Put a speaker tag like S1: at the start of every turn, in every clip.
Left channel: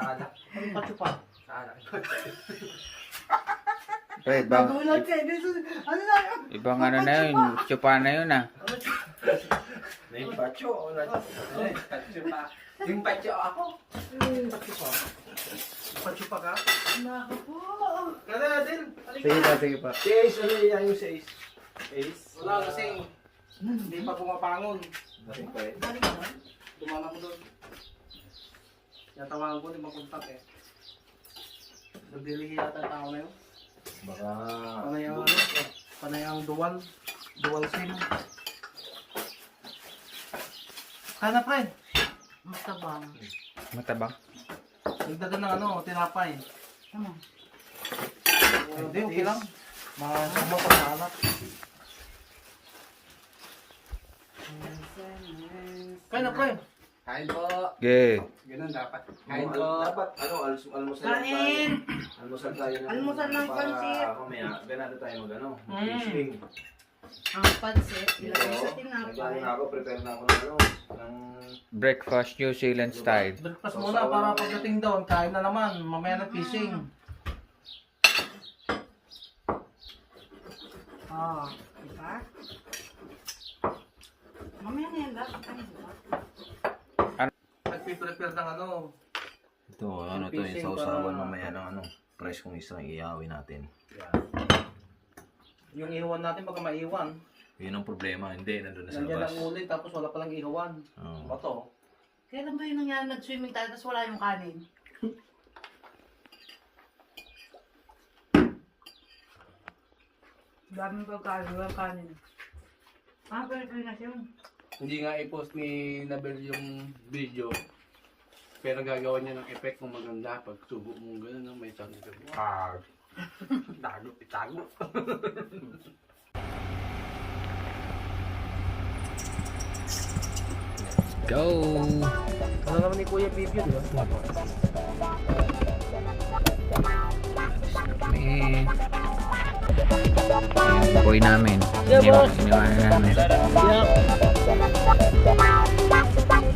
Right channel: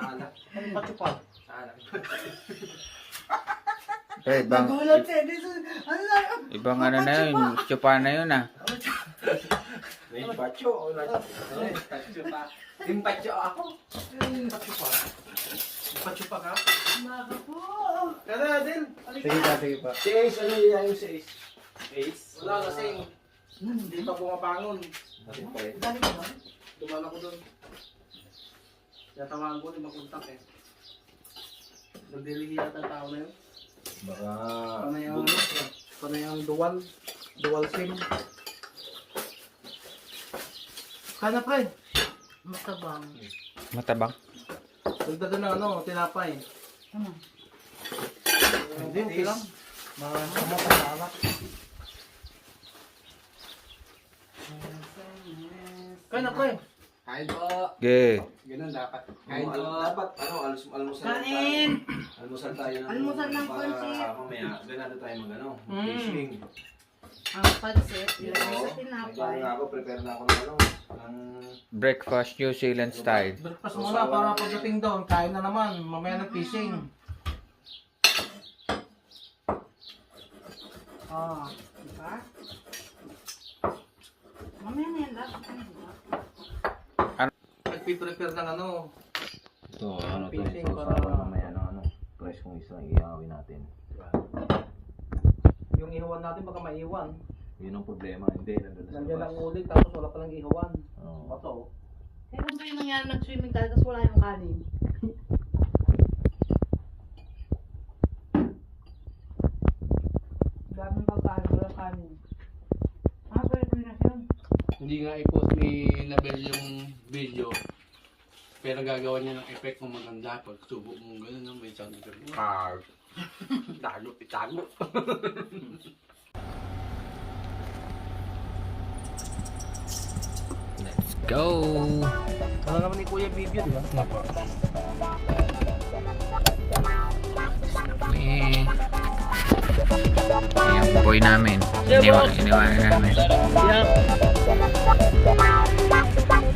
S1: Sala.
S2: Ano pa chupa?
S1: Sala.
S3: Ito, ibang,
S2: Nagulat ka, hindi sa- Ano na?
S3: ibang ano na yun, chupa na yun ah.
S1: May pacho. Pacho pa. Yung pacho ako. Pacho pa. Pacho pa ka?
S2: Naku po.
S1: Kada din.
S2: Sige pa, sige pa.
S1: Si Ace, ano yung si Ace? Ace? Wala kasi. Hindi pa pumapangon.
S2: Dali ka ba?
S1: Tumama ko doon. Natawagan ko, di makontak eh. Nagdilihi yata tao na yun.
S4: Baka...
S1: Panay ang, ano, panay ang dual. Dual sim. Sana pre,
S2: Matabang.
S3: Matabang.
S1: dagdagan ng ano, tinapay.
S2: Ano?
S1: Hindi, okay lang. Mga sumot ang anak. Kaya na pre. Kain po.
S3: Okay.
S1: Ganun dapat.
S4: Kain po. Dapat, ano, almus almusal
S2: Kanin!
S4: tayo. Almusal tayo. ng-
S2: Almusal ng
S4: para
S2: pansit.
S4: Mamaya, ganado tayo mag ano,
S1: Mm.
S4: fishing.
S2: Ang pansit, ilagay sa
S4: nag-ano
S2: tinapay.
S4: na ako, prepare na ako ng ano, ng...
S3: Breakfast New Zealand style.
S1: Breakfast muna para pagdating doon, kain na naman. Mamaya na fishing.
S2: Ah, diba? Mamaya na yan lahat. Ano ba?
S1: Nagpiprepare ng ano.
S4: Ito, ano to,
S1: Fishing
S4: yung
S1: para-
S4: sausawan mamaya ng ano, fresh kong isang iawin natin.
S1: Yung ihawan natin baka maiwan.
S4: Yun ang problema, hindi, nandun na sa
S1: Nandiyan
S4: labas.
S1: ang ulit tapos wala palang ihawan.
S4: Oo.
S1: Bato.
S2: Kailan ba yung nangyari nag-swimming tayo tapos wala yung kanin? Daming pagkain, walang kanin. Ah, Pilipinas yun.
S5: Hindi nga i-post ni Label yung video. Pero gagawa niya ng effect kung maganda pag subo mo gano'n, no? may sound effect. Ah, dago, itago.
S3: Go!
S1: Wala naman ni Kuya video, di ba?
S3: Kami. Yung boy namin. Iniwa, iniwanan namin.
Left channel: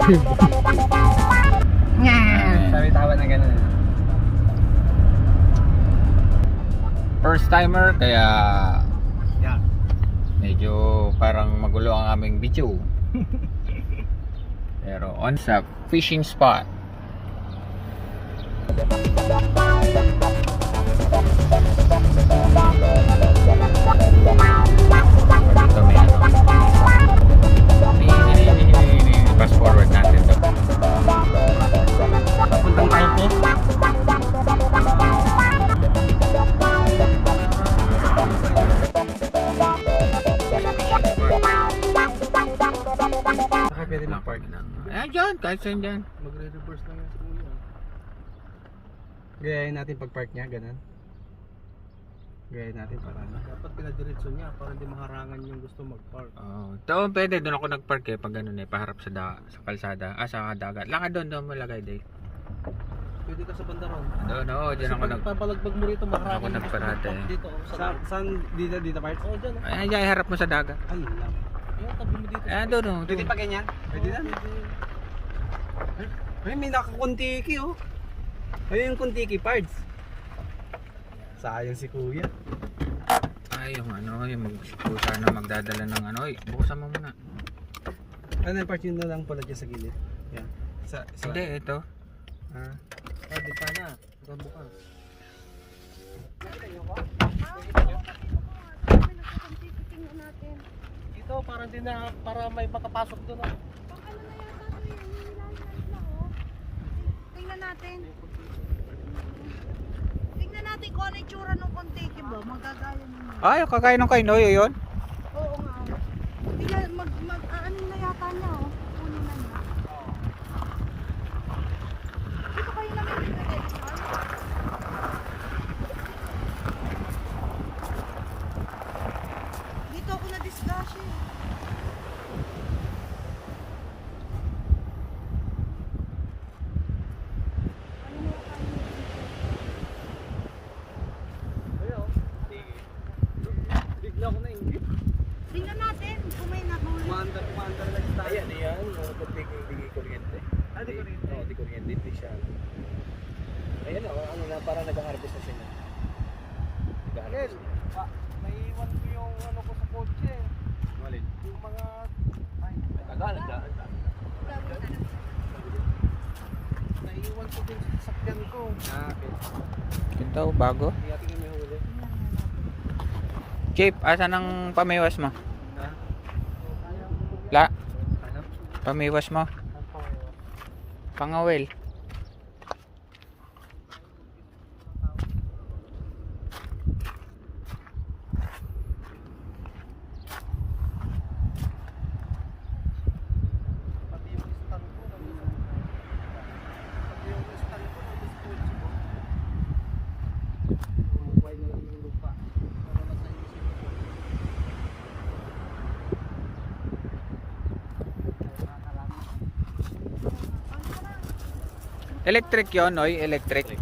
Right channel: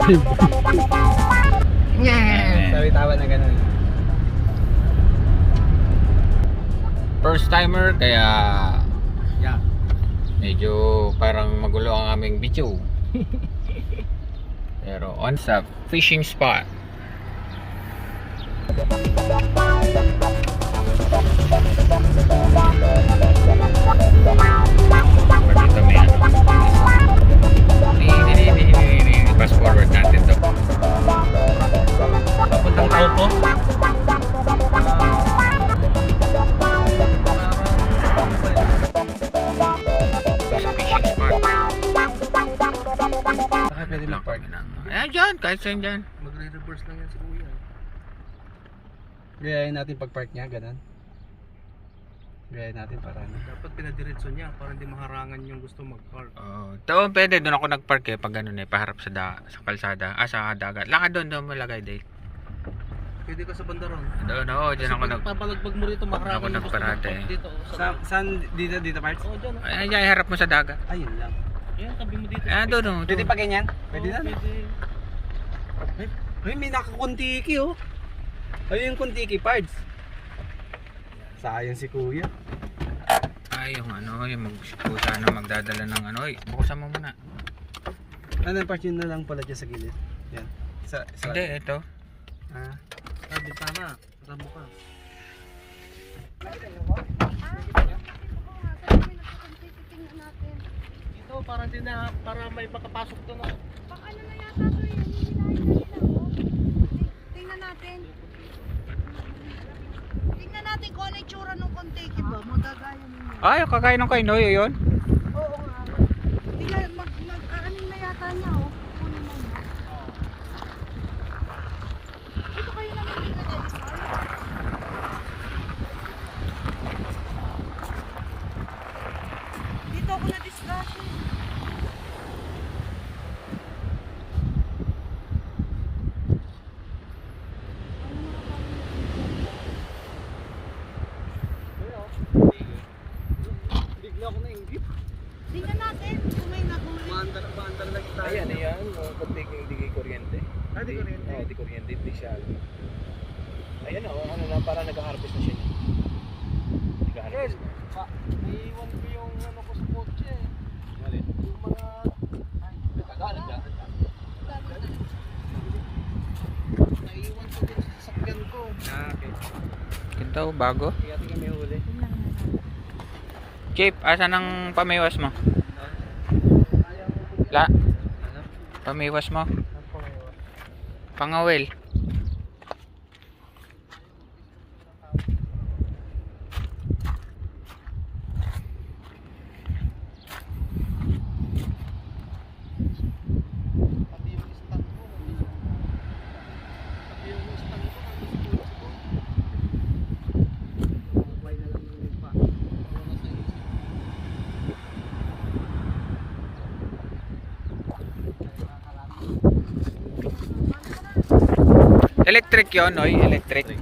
S1: Sabi tawa na ganun.
S3: First timer, kaya
S1: Yeah.
S3: medyo parang magulo ang aming video. Pero on sa fishing spot. Ano. Fast forward natin
S1: po. Baka pwede
S3: Lang kami ng... Ayan dyan, kahit saan dyan.
S5: Magre-reverse lang yan si Kuya.
S1: Gayahin natin pag-park niya, ganun. Gayahin natin para ano.
S5: Dapat pinadiretso niya para hindi maharangan yung gusto mag-park.
S3: Oh, to pwede doon ako nagpark eh pag ganun eh paharap sa da, sa kalsada, ah sa dagat. Lakad doon doon mo lagay Dale.
S5: Pwede ka sa bandaron.
S3: Doon oo, diyan ako nag
S5: Papalagbag mo rito, maharangan
S3: Ako nagparate.
S5: dito. Sa,
S1: saan dito dito parts?
S5: oh, dyan. oh.
S3: Ay, ay, harap mo sa dagat.
S1: Ayun lang.
S5: Ayan, tabi mo dito.
S3: Ah, doon oh. doon.
S1: ganyan? Pwede
S5: Oo,
S1: na.
S5: pwede.
S1: Ay, may nakakuntiki oh. Ayun yung kuntiki parts. Sayang si kuya.
S3: Ay, yung ano, yung mag sana magdadala ng ano, ay, buksan mo muna.
S1: Ano yung part yun na lang pala dyan sa gilid? Yan. Sa, sa,
S3: Hindi, ito.
S1: Ah.
S5: Ah, di sana. Tabo ka. Ito, para din na, para may makapasok doon. ah.
S6: Pang ano na yata to yun, nila, oh. Tingnan natin. Tingnan natin kung ano yung tsura ng kontiki ba, magagaya ninyo.
S3: Ay, kakain ng kainoy yun.
S6: Oo nga. Tingnan, mag, mag, ano na yata niya, oh. Kunin na niya. Dito kayo naman naglagay ng salt. Dito ako na-discuss eh. Ano mga kayo
S5: Bigla ko na ingit.
S6: Tingnan natin kung may
S5: Maandar, maandar lang tayo.
S4: Ayan, ayan, kunting hindi kuryente.
S5: Ah, di kuryente.
S4: Oo, di kuryente, hindi siya. Ayan o, ano na, parang nag-harvest na siya. Nag-harvest na.
S1: pa, naiiwan ko yung ano ko sa kotse.
S4: Malit.
S1: Yung mga... Ay, tagal, tagal. Naiiwan ko din sa sasakyan ko.
S4: Ah, okay.
S3: Ito, bago.
S4: Kaya tingin may huli.
S3: Chip, asan ang pamiwas mo? La,
S4: Ano?
S3: pamiwas mo. Pangawil.
S1: Pati yung stand ko. Pati yung stand ko. Buhay na lang yung lupa. Ano na sa isip.
S3: Electric yon, oy, electric.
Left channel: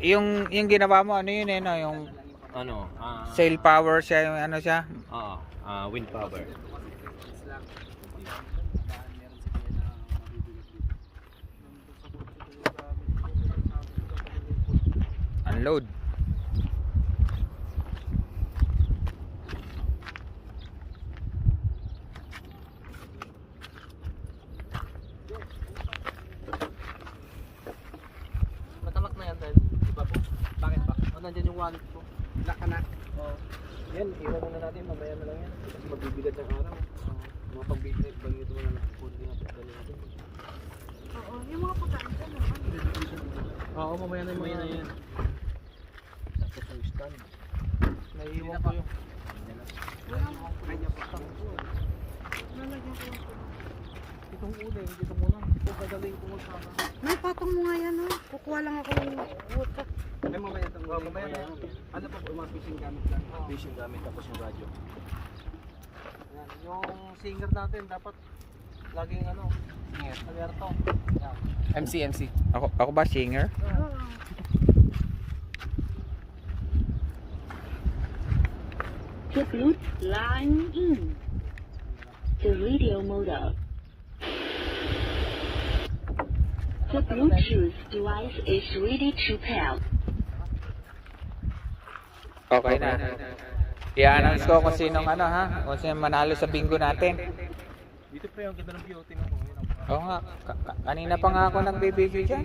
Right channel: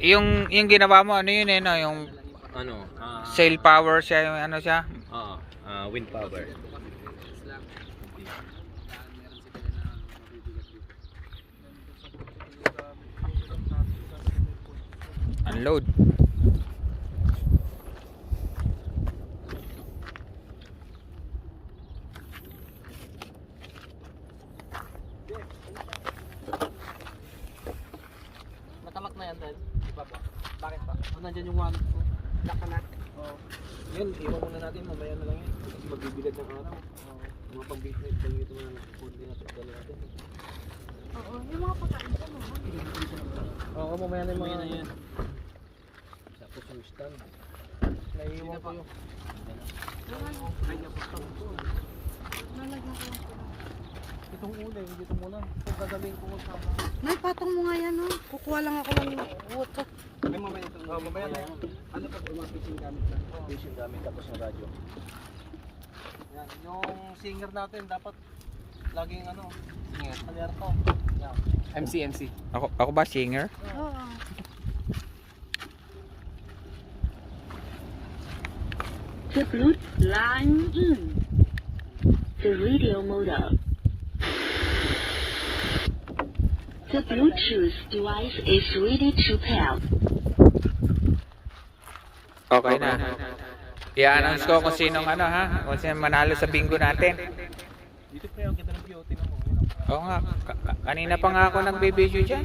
S3: Yung yung ginawa mo ano yun eh no, yung
S4: Ano? Ah,
S3: sail power siya yung ano siya.
S4: ah, ah, wind power.
S3: Unload.
S1: Nakalak na yan, Dad. Diba po? Bakit ba? Oh, nandyan yung wallet ko. Oo.
S4: Yan, iwan muna natin, mamaya na lang yan. Kasi magbibilad ng araw.
S1: Oo.
S4: Mga pang-business, pang ito mga nagpupunti natin, dali natin.
S6: Oo, yung mga pagkain ko mo.
S4: Oo, mamaya na mamaya na yan. Tapos yung stand.
S1: Naiiwan ko yung... Kaya pa pang ko.
S6: Nalagyan ko yung tulong.
S1: Itong uling, dito muna. Ito gagawin ko sa...
S6: May patong mo nga yan, oh. Kukuha lang ako ng water.
S1: Ay, mamaya itong... Oh, mamaya na. Ano pa po, mga fishing gamit lang.
S4: Fishing gamit, tapos yung radyo.
S1: Yan. Yung singer natin, dapat laging ano, singer. Alerto. Yan.
S4: MC, MC.
S3: Ako ako ba singer?
S6: Oo.
S7: The Bluetooth line in. The radio mode up. The Bluetooth device is ready to pair.
S3: Okay na. I-announce ko kung sinong ano ha, kung sino manalo sa bingo natin.
S4: Dito pre, ang ganda ng view, tingnan mo.
S3: Oo nga, ka- ka- kanina pa nga ako nagbibideo dyan.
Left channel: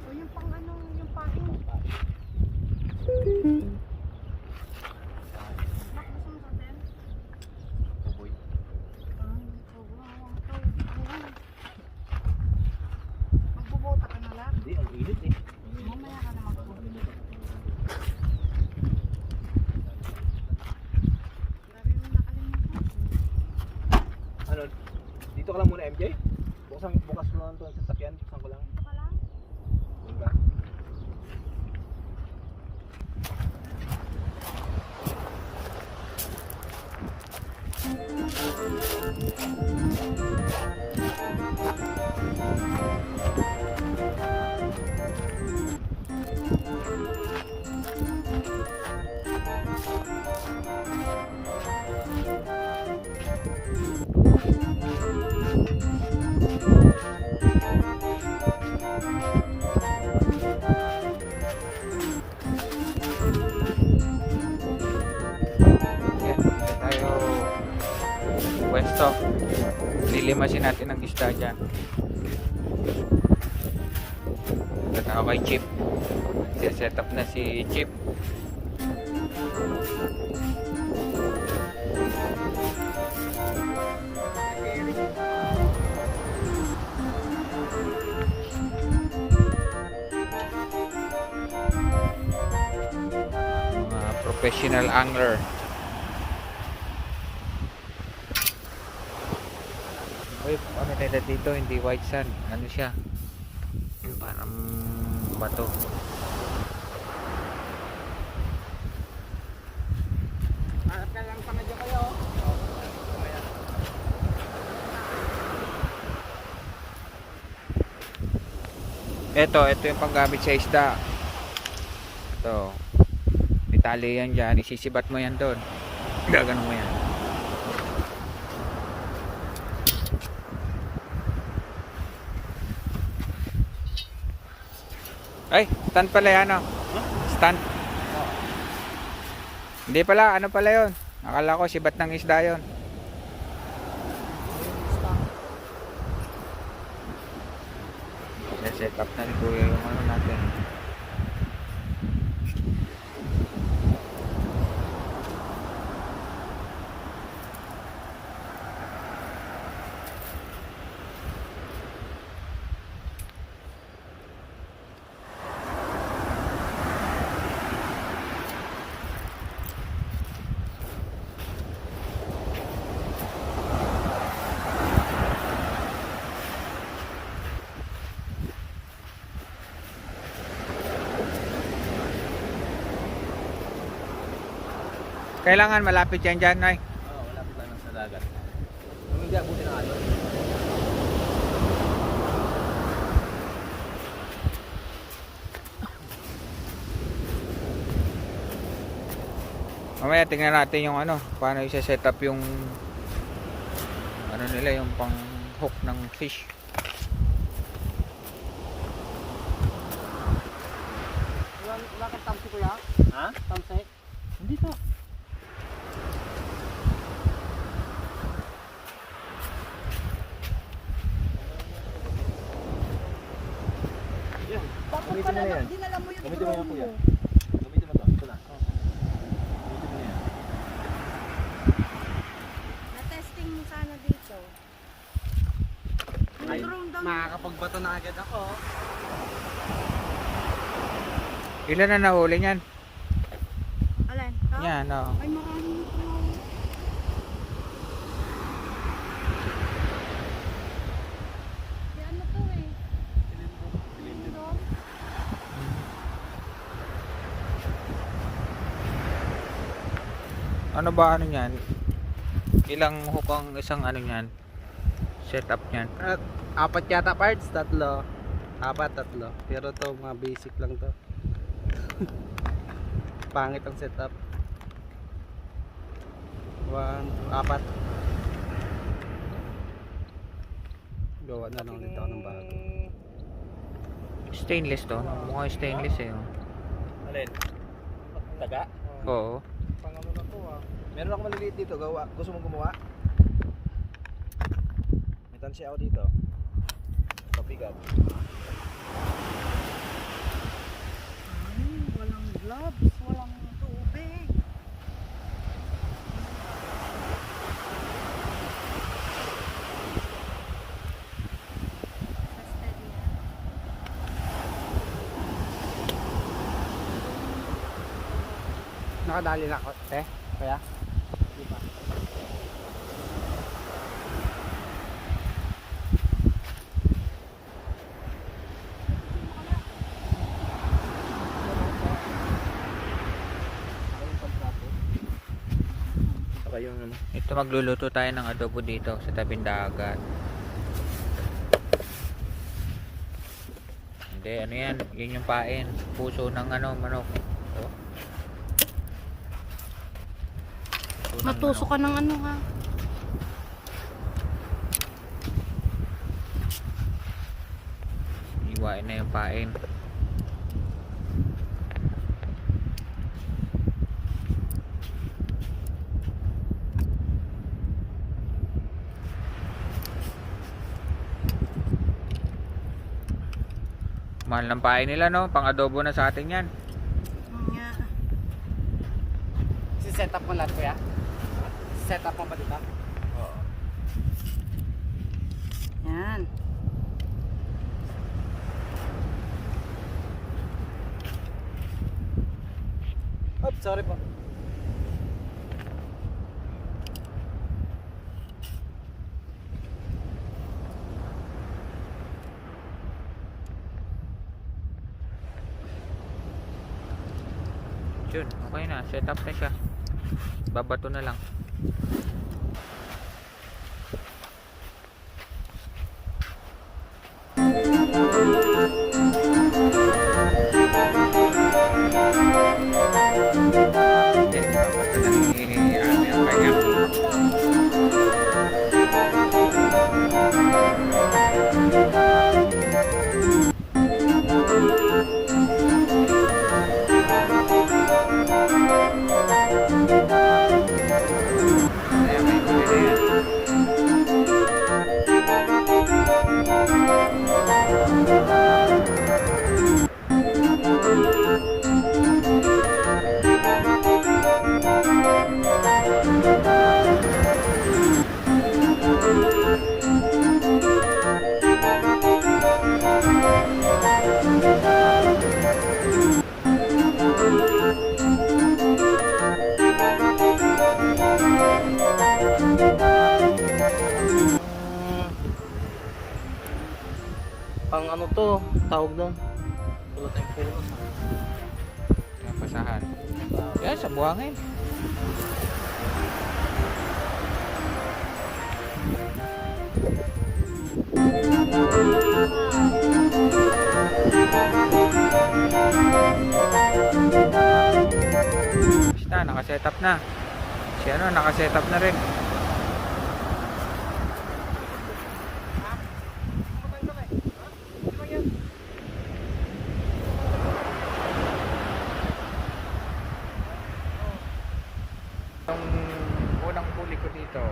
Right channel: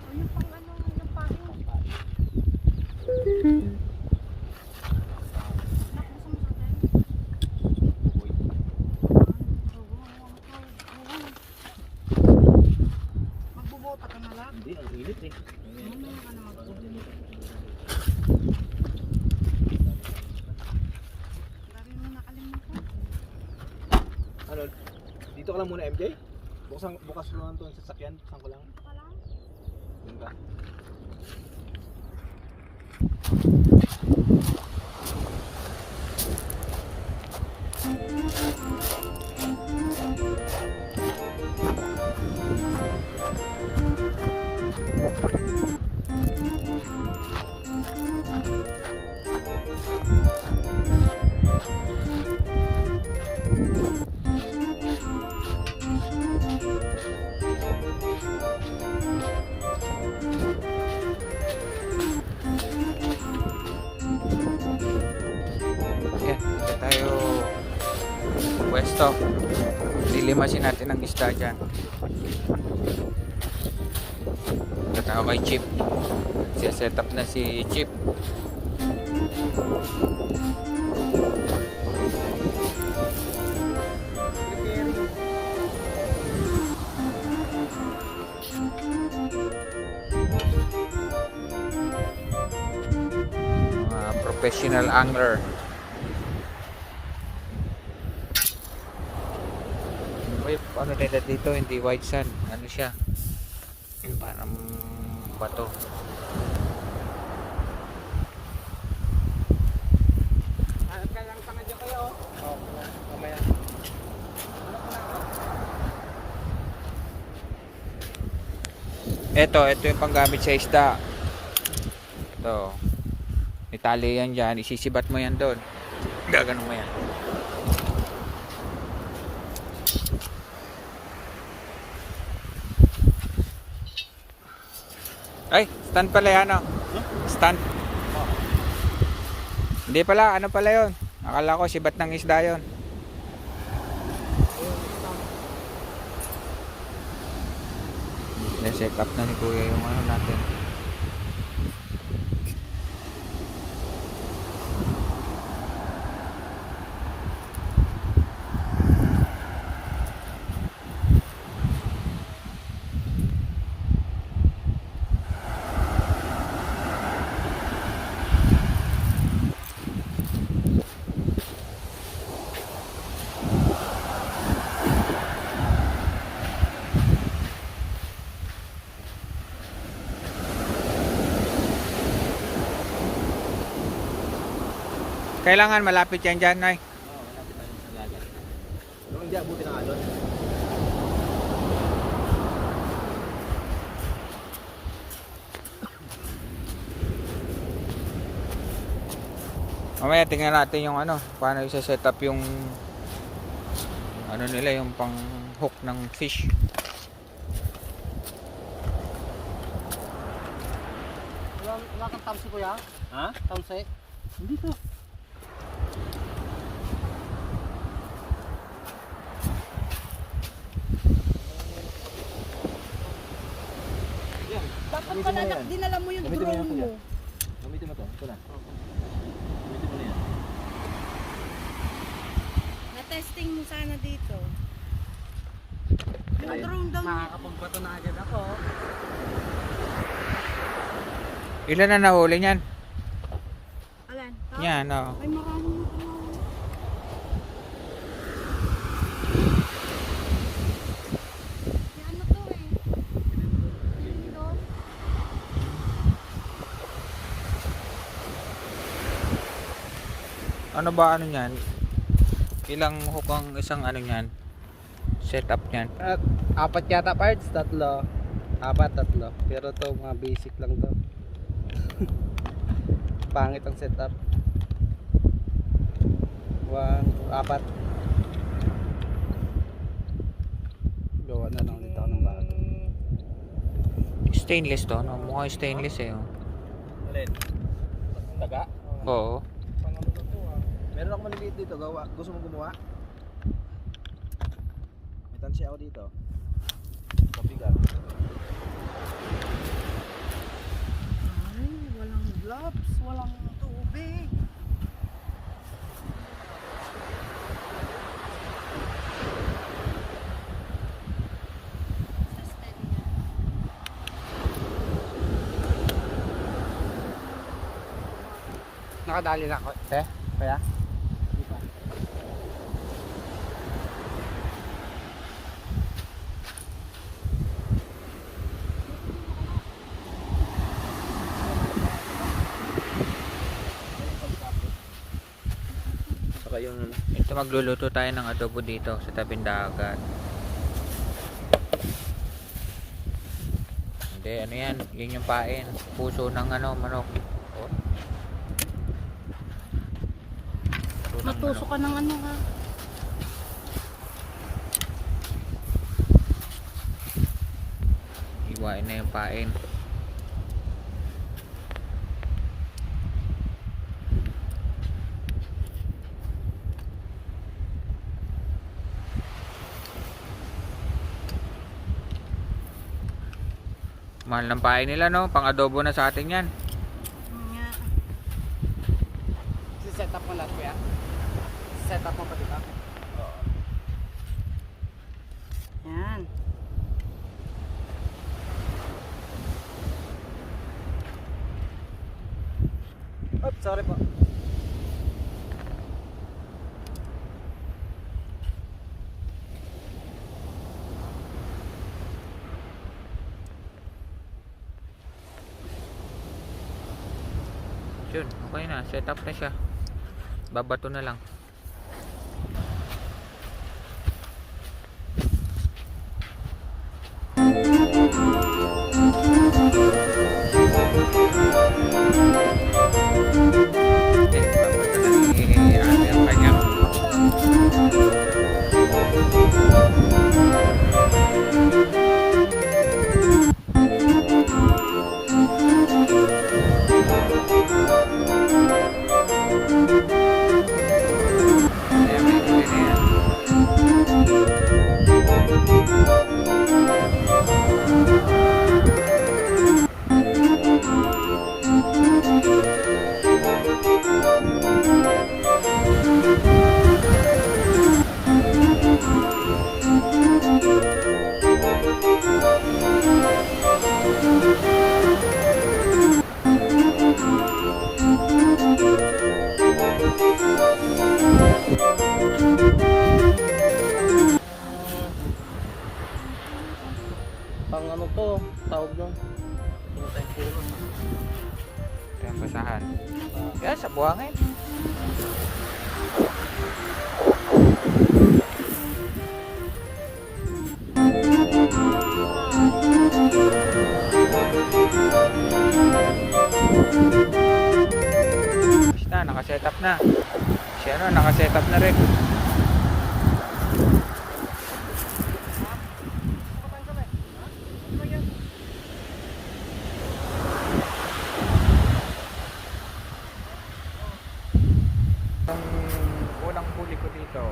S6: O yung pang ano, yung pain. Nak, gusto mo sa atin?
S4: buboy.
S6: Ah, oo, oo, oo. Magbubota ka na lang.
S4: Hindi, ang init eh.
S6: Mamaya ka na magbubota. Grabe mo nakalimutan.
S4: Ano, dito ka lang muna MJ? Bukas, ang, bukas mo lang itong sasakyan, buksan
S3: Lilimasin natin ang isda dyan. Ako kay Chip. set up na si Chip. Mga professional angler. Nila dito? Hindi white sand. Ano siya? Parang bato.
S1: Hanap ka lang tanga dyan kayo. oh.
S3: Ito, ito yung panggamit sa isda. Ito. Itali yan dyan. Isisibat mo yan doon. Gaganon mo yan. Ay, stand pala yan oh. Stand. Hindi pala, ano pala yon? Akala ko sibat ng isda yon. set up na ni Kuya yung ano natin. Kailangan malapit yan dyan, Nay.
S1: Oo, oh, malapit lang sa dagat. Pero hindi abutin ng alon.
S3: Mamaya tingnan natin yung ano, paano i-set up yung ano nila, yung pang hook ng fish.
S5: Wala wala kang tamsi kuya?
S1: Ha?
S5: Tamsi?
S1: Hindi to. Yan. Gamitin mo na yan.
S6: Dinala mo yung
S1: Gamitin mo na
S6: drone
S1: kuya. Gamitin mo to. Ito na. Gamitin mo na yan.
S6: Na-testing mo sana dito. Daw.
S5: Makakapagbato na agad ako.
S3: Ilan na nahuli niyan?
S6: Alin? Ha?
S3: Yan, oh.
S6: Ay, marami na tumawala. May ano to eh. Lindol.
S3: Ano ba ano niyan? Ilang hook ang isang ano niyan? Setup niyan.
S5: At apat yata parts, tatlo. Apat, tatlo. Pero to mga basic lang to. Pangit ang setup. One, two, apat. Gawa na lang ulit ako ng bago.
S3: Stainless to, no? Mukhang stainless eh, oh.
S1: Alin? Daga?
S3: Oo.
S1: Meron ako maliliit dito. Gawa. Gusto mo gumawa? May tansya ako dito. Pabigat.
S6: Ay, walang gloves, walang tubig.
S5: Nakadali na ako. Eh, kaya?
S1: Yung ano.
S3: Ito magluluto tayo ng adobo dito sa tabing dagat. Hindi, ano yan? Yun yung pain. Puso ng ano, manok. Oh. Puso ng
S6: Natuso
S3: manok.
S6: ka ng ano ha?
S3: Iwain na yung pain. Mahal ng pain nila no, pang adobo na sa atin yan.
S6: Nga.
S5: Si-set up mo lahat kuya? Set up mo pa dito?
S6: Yan.
S1: Oh, sorry po.
S3: Yun, okay na. Set up na siya. Babato na lang. Basta, nakaset up na. Si ano, nakaset up na rin. Yung unang huli ko dito,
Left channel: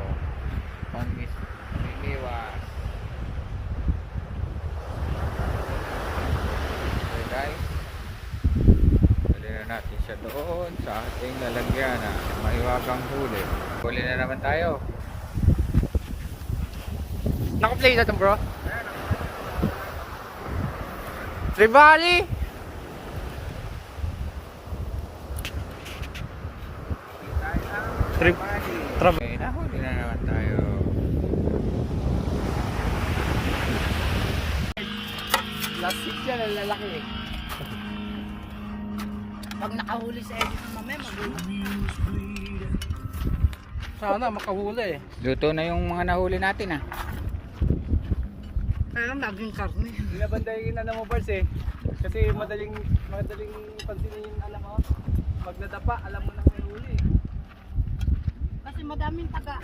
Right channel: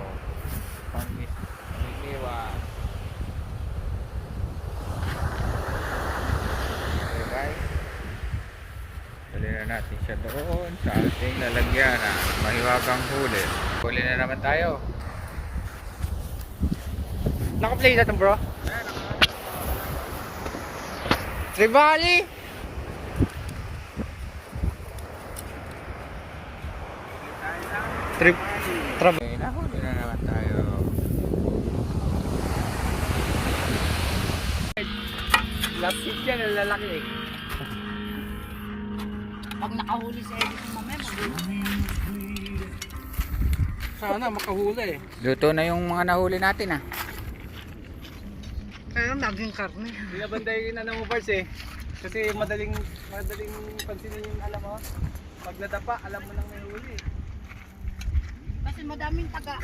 S3: pangis, panginiwas. Okay guys, dali na natin siya doon sa ating lalagyan na mahiwagang huli. Huli na naman tayo. Naka-play na to bro? Tribali! Trip. Trap. Okay, nahuli na naman tayo.
S5: Plastic yan, ang lalaki.
S6: Pag nakahuli sa Edison mamaya, magulat.
S5: Sana makahuli eh.
S3: Luto na yung mga nahuli natin ah.
S6: Kaya naging karne.
S1: Binabandayin na naman first eh. Kasi madaling madaling pansinin yung alam mo. Pag nadapa, alam mo nang may huli.
S6: Kasi madaming taga.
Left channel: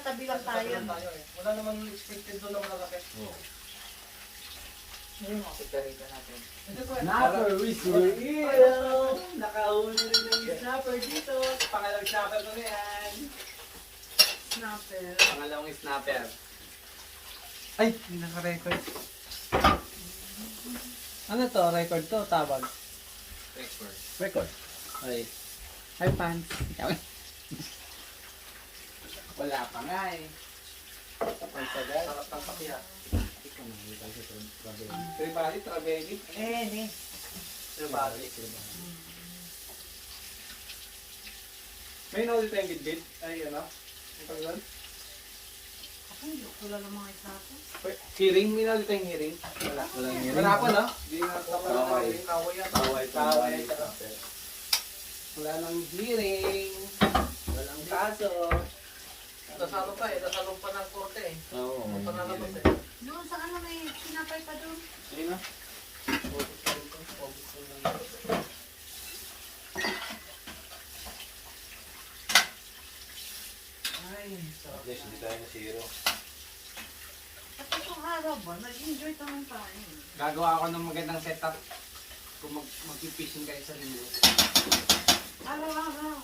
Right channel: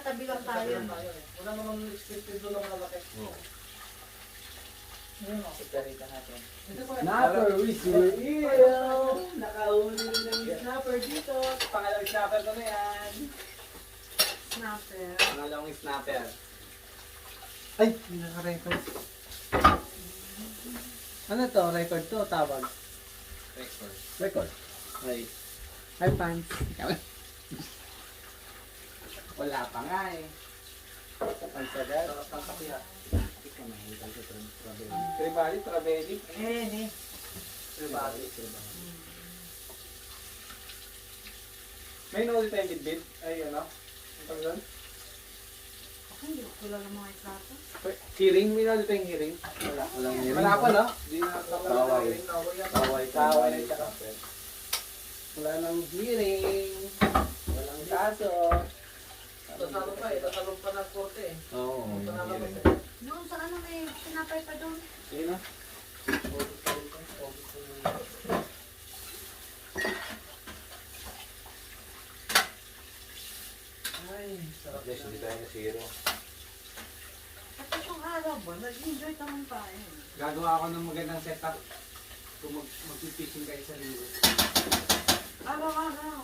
S6: Maliit. Kasi nasa tabi lang tayo.
S1: tayo eh. Wala naman expected doon ng malaki.
S5: Snapper, we see you! Nakahuli rin ng snapper dito.
S1: Pangalawang snapper ko na yan.
S6: Snapper.
S5: Pangalawang snapper. Ay, naka-record. Ano to? Record to? Tawag?
S4: Record.
S5: Record. Ay. Hi, fans. Wala pa nga eh. Pagsagal. Sarap ng kapiya. Tribali, trabeli.
S6: Eh, eh.
S5: Tribali.
S1: May nahuli tayong bidbid. Ay, ano? Ang pag doon?
S6: Ako hindi ko kilala mga snapper.
S1: Hearing, may nahuli tayong hearing. Wala.
S5: Wala nga
S1: Wala pa, no? Hindi na
S5: Taway.
S1: Taway.
S5: Taway, taway. Wala nang hearing. Walang kaso.
S1: Tasalo pa eh. Tasalo pa ng korte eh.
S4: Oo.
S1: Pangalabas eh.
S6: Doon sa ano may sinapay pa doon.
S1: Sige na.
S4: At least hindi tayo na zero.
S6: At itong araw ba, nag-enjoy naman tayo.
S5: Gagawa ako ng magandang setup. Kung mag mag-fishing kayo sa linggo.
S6: Araw-araw.